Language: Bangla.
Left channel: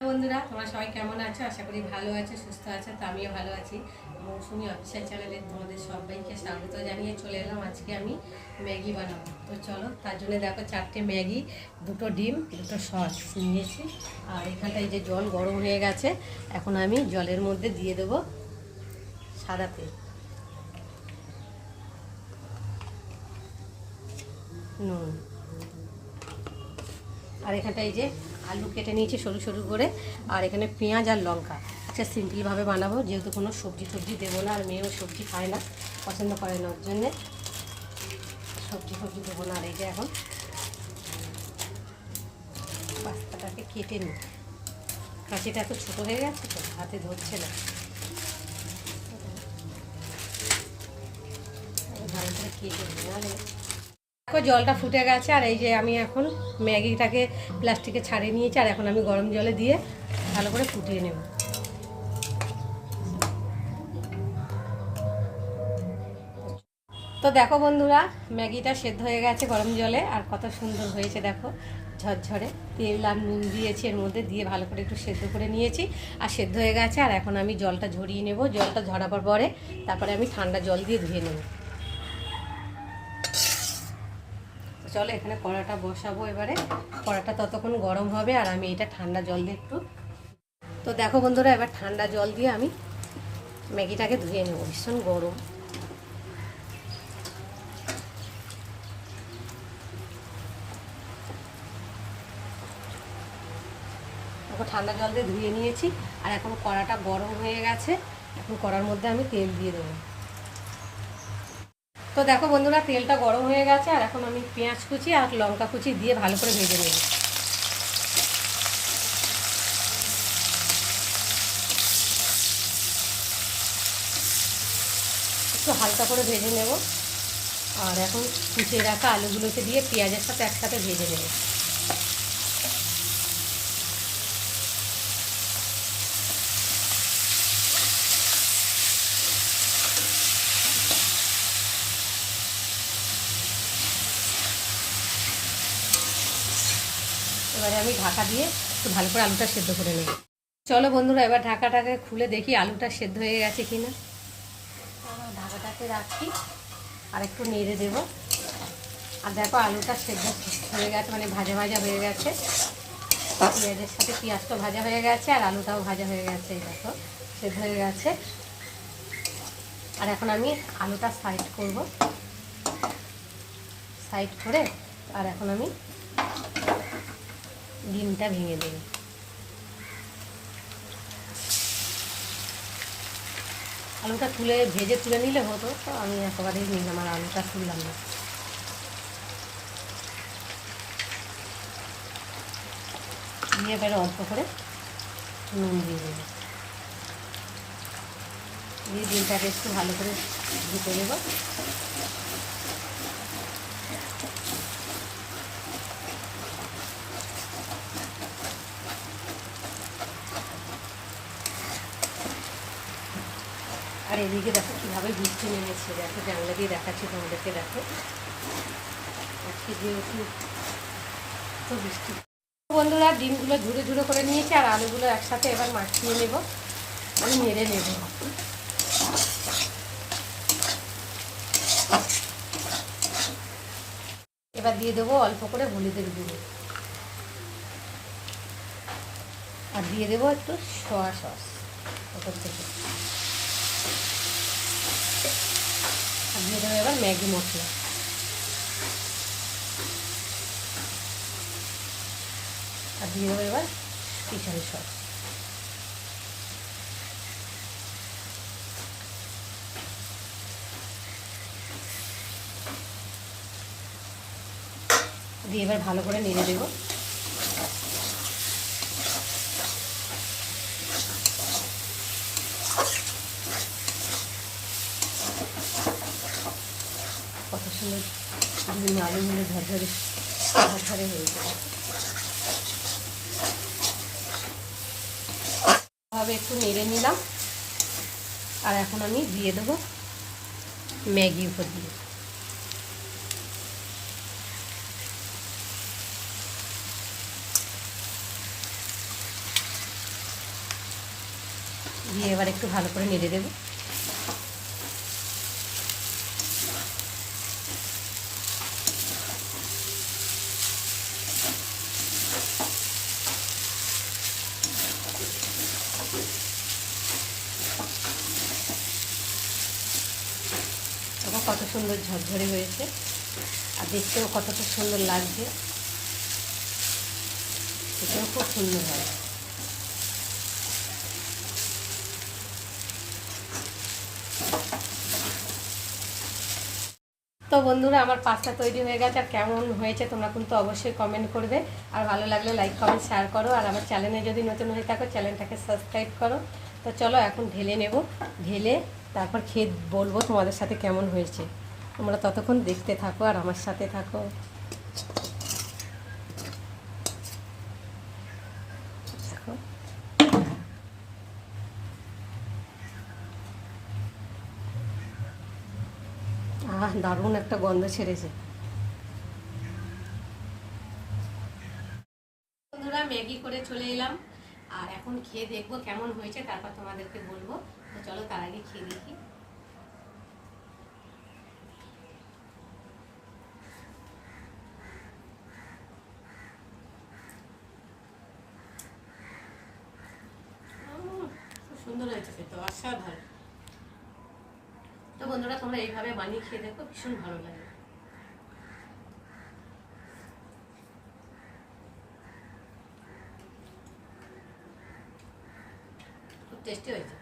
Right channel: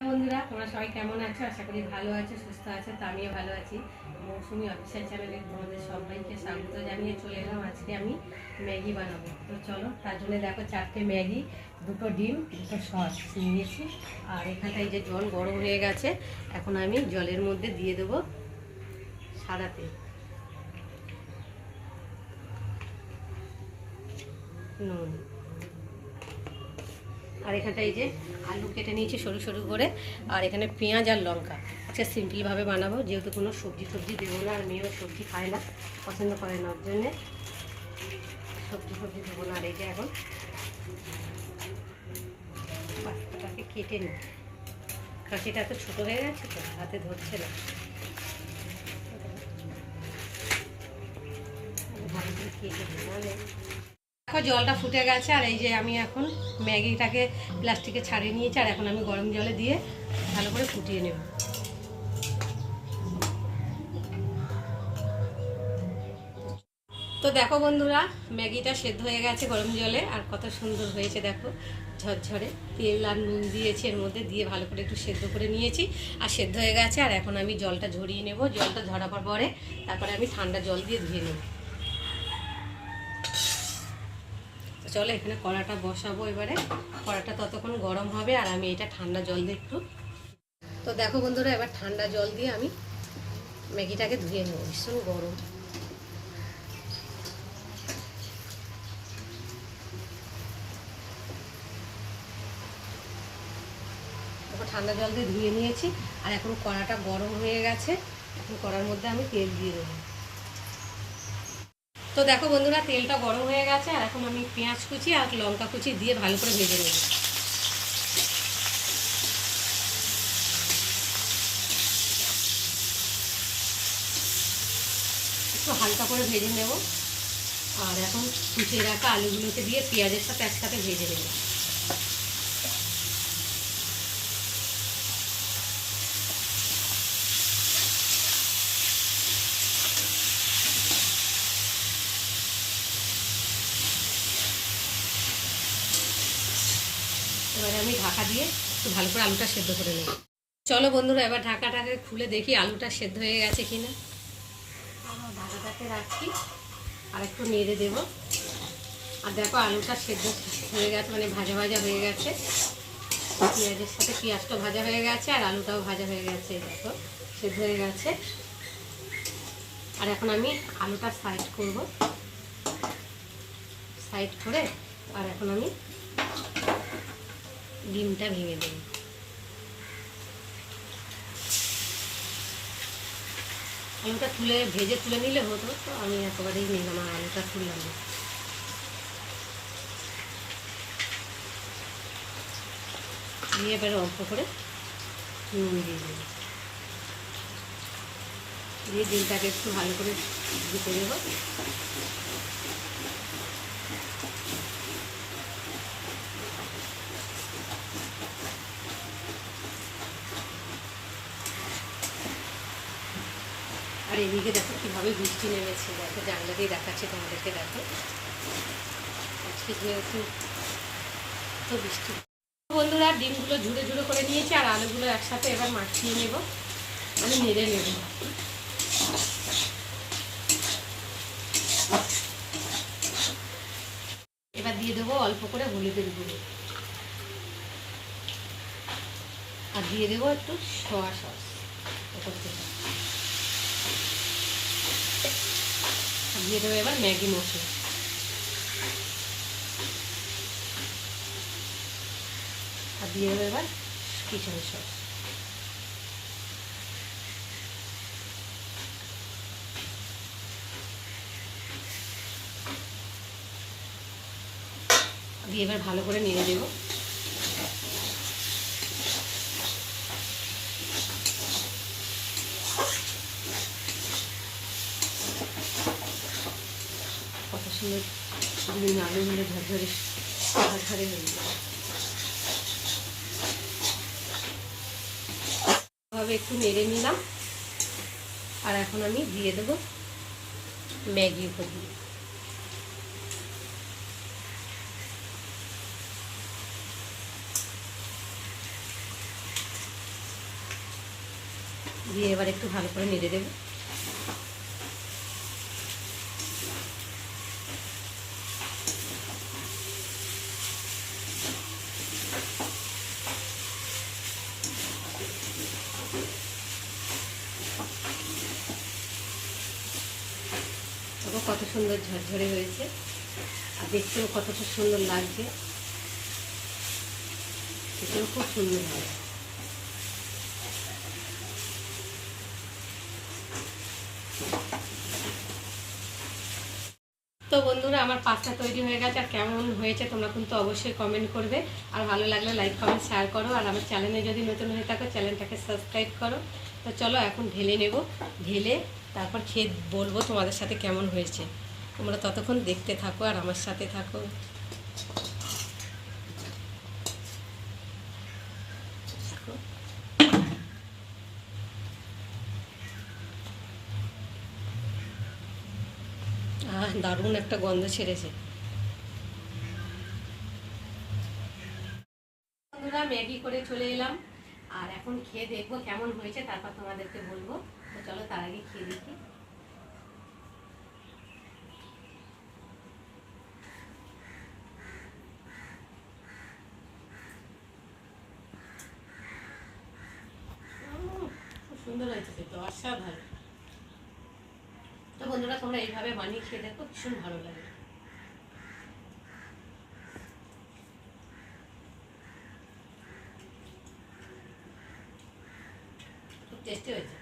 বন্ধুরা, তোমরা সবাই কেমন আছো? আশা করি ভালো আছো, সুস্থ আছো। তো আমিও ভালো আছি। মৌসুমি অফিসিয়াল চ্যানেলে তোমাদের সবাইকে স্বাগত জানিয়ে চলে এলাম। আজকে আমি ম্যাগি বানাবো। তো চলো, তার জন্য দেখো 4টে ম্যাগি, 2টো ডিম, 2টো সস নিয়েছি। আর এখানটায় যে জল গরম হয়ে গেছে, এখন আমি জলের মধ্যে দিয়ে দেবো সাদা তেল, নুন, আর এখানটায় এই যে আলু কেটে নিয়েছি সরু সরু করে, আর এখানে পেঁয়াজ আর লঙ্কা। আজকে সিম্পলভাবে বানাবো, যেহেতু কোনো সবজি টবজি দেবো না, আর মেয়েও সবজি খায় না, পছন্দ করে না, ওর জন্যে সবজি টবজি দেবো না। আর এই যে এখন পাস্তাটাকে কেটে নিই। কাঁচিটা এত ছোটো হয়ে গেছে তো হাতে ধরছে না, ভালো করে কেটে নিই। দেখো জলটা ফুটে গেছে, আর এই যে আমি এখন ম্যাগিটাকে প্লাস্টিকে ছাড়িয়ে নিয়েছি, আর এখন আমি গরম জলে দিয়ে ভালো করে ফুটিয়ে নেব। তো দেখো বন্ধুরা, ম্যাগিটা সেদ্ধ হয়ে গেছে গরম জলে, আর কত সুন্দর হয়েছে দেখো, ঝরঝরে। তেল আর নুন দিয়েছি এর মধ্যে, দিয়ে ভালো করে একটু সেদ্ধ করে নিয়েছি, আর সেদ্ধ হয়ে গেছে। আর এখন আমি জলটা ঝরিয়ে নেব। জলটা ঝরাবার পরে তারপরে আমি ঠান্ডা জল দিয়ে ধুয়ে নেব। চলো এখানে কড়াটা বসাবো এবারে। কড়াটা ততক্ষণ গরম হবে, আর আমি এটা ঠান্ডা জল দিয়ে একটু। তো দেখো বন্ধুরা, এবার ঠান্ডা জল দিয়ে আমি ম্যাগিটাকে ধুয়ে নেব। ভীষণ গরম। এখন ঠান্ডা জল দিয়ে ধুয়ে নিয়েছি, আর এখন কড়াটা গরম হয়ে গেছে। এখন কড়ার মধ্যে আমি তেল দিয়ে দেবো। তো দেখো বন্ধুরা, তেলটা গরম হয়ে গেছে, আর এখন আমি পেঁয়াজ কুচি আর লঙ্কা কুচি দিয়ে ভালো করে ভেজে নেব। একটু হালকা করে ভেজে নেব। আর এখন কুচিয়ে রাখা আলুগুলোকে দিয়ে পেঁয়াজের সাথে একসাথে ভেজে নেব। এবারে আমি ঢাকা দিয়ে একটু ভালো করে আলুটা সেদ্ধ করে নেব। চলো বন্ধুরা, এবার ঢাকাটাকে খুলে দেখি আলুটা সেদ্ধ হয়ে গেছে কিনা। ঢাকাটাকে রাখি আর একটু নেড়ে দেবো। আর দেখো আলুটা সেদ্ধ হয়ে গেছে, মানে ভাজা ভাজা হয়ে গেছে। পেঁয়াজের সাথে পেঁয়াজটা ভাজা হয়ে গেছে, আর আলুটাও ভাজা হয়ে গেছে। দেখো সেদ্ধ হয়ে গেছে। আর এখন আমি আলুটা সাইড করব, সাইড করে আর এখন আমি ডিমটা ভেঙে দেবো। আলুটা ভেজে তুলে নিলে হতো, তো আমি একেবারেই নিলাম, আর আলুটা তুললাম না। দিয়ে এবারে অল্প করে নুন দিয়ে দেবো, দিয়ে ডিমটাকে একটু ভালো করে দিতে দেবো। আর এদিকে দেখো কীভাবে বৃষ্টি নেমেছে, দেখো জানলা দিয়ে দেখাচ্ছি তোমাদেরকে। দেখো আজকে যেহেতু বৃষ্টি। বন্ধুরা, ডিমগুলো ঝুড়ো ঝুড়ো করে নিয়েছি, আর আলুগুলো একসাথে এবার মাখিয়ে নেব, আমি নেড়ে নেব। এবার দিয়ে দেবো অল্প করে হলুদের গুঁড়ো, আর দিয়ে দেবো একটু সয়া সস ওপর থেকে, আর দিয়ে দেবো এবার ম্যাগি মশলা, আর দিয়ে দেবো এবার কিচেন সস। দিয়ে এবার ভালো করে নেড়ে দেবো। কত সুন্দর ডিম আলুগুলো ঝরঝরে ঝরঝরে হয়ে যাবে। ভাবে একটু নেড়ে নিলাম, আর এখন আমি দিয়ে দেবো ম্যাগি উপর দিয়ে। দিয়ে এবার একটু ভালো করে নেড়ে দেবো। কত সুন্দর ঝরঝরে হয়েছে, আর দেখতেও কতটা সুন্দর লাগছে, এটাও খুব সুন্দর হয়। তো বন্ধুরা, আমার পাস্তা তৈরি হয়ে গেছে, আর কেমন হয়েছে তোমরা কিন্তু অবশ্যই কমেন্ট করবে, আর ভালো লাগলে লাইক কমেন্ট শেয়ার করো, আর আমার চ্যানেলে যদি নতুন হয়ে থাকো চ্যানেলটাকে সাবস্ক্রাইব করো। তো চলো এখন ঢেলে নেব, ঢেলে তারপর খেয়ে বলবো তোমাদের সাথে কেমন হয়েছে। তোমরা ততক্ষণ দেখতে থাকো আর আমার সাথে থাকো। দারুণ একটা গন্ধ ছেড়েছে। বন্ধুরা, ম্যাগি করে চলে এলাম, আর এখন খেয়ে দেখবো কেমন হয়েছে, তারপর তোমাদেরকে বলবো। তো চলো তার আগে খেয়ে দেখি। খুব সুন্দর হয়েছে খেতে, অসাধারণ। তো বন্ধুরা, তোমরা এইভাবে বানিয়ে খেয়ে দেখো, ভীষণ ভালো লাগে, খুব টেস্টি হয়েছে।